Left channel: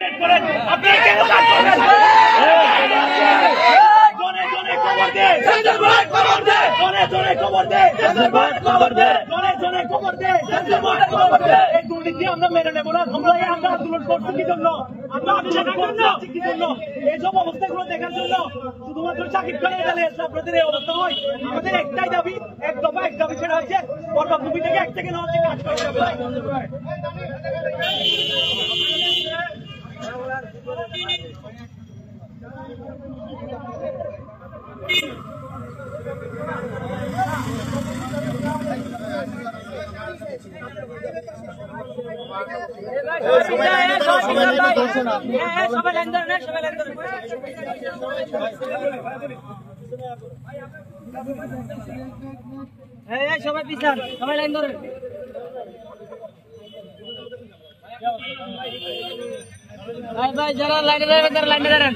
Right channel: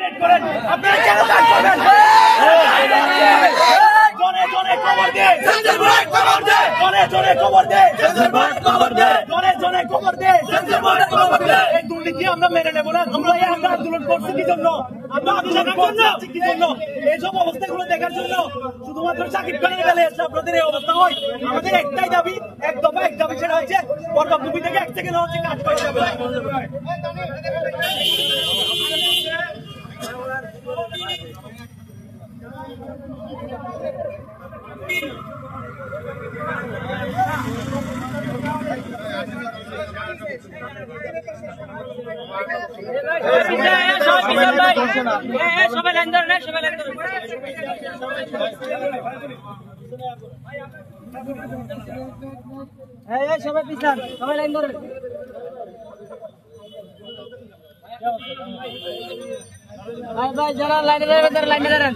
আপনারা কেন কাজ করবেন? জনে জনে খবর দে, জনে জনে খবর দে, জনে জনে খবর দে। এই দুর্নীতি আমরা মেনে নেব না। আমরা এই আন্দোলন করছি কি জন্য? আমরা আন্দোলন করছি কি জন্য? এইসব অবস্থাগুলো দেখার জন্য। শুধুমাত্র সাকিব খানের বেলায় এসে আপনাদের এই অবস্থা হয়। আমাদের একটাই দাবি, এক দফা এক দাবি, সেটা হচ্ছে বরবাদ মুভি থেকে 1 সেকেন্ড হচ্ছে কাজ করে যাবে। সবাই পিছান, সবাই লাইন ধরেন। ভাই ভাই যারা লাইনে দাঁড়াবেন তারা লাইনে দাঁড়ান।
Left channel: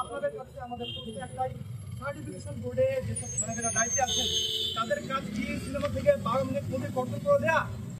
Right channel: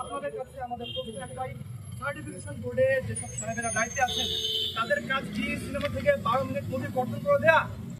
আপনাদের কাছে আমাদের একটাই, সার্টিফিকেশন বোর্ডে যেসব সাহেবেরা দায়িত্বে আছেন তাদের কাজ কি সিনেমা থেকে 12 মিনিট মুভি কর্তন করে দেয়া?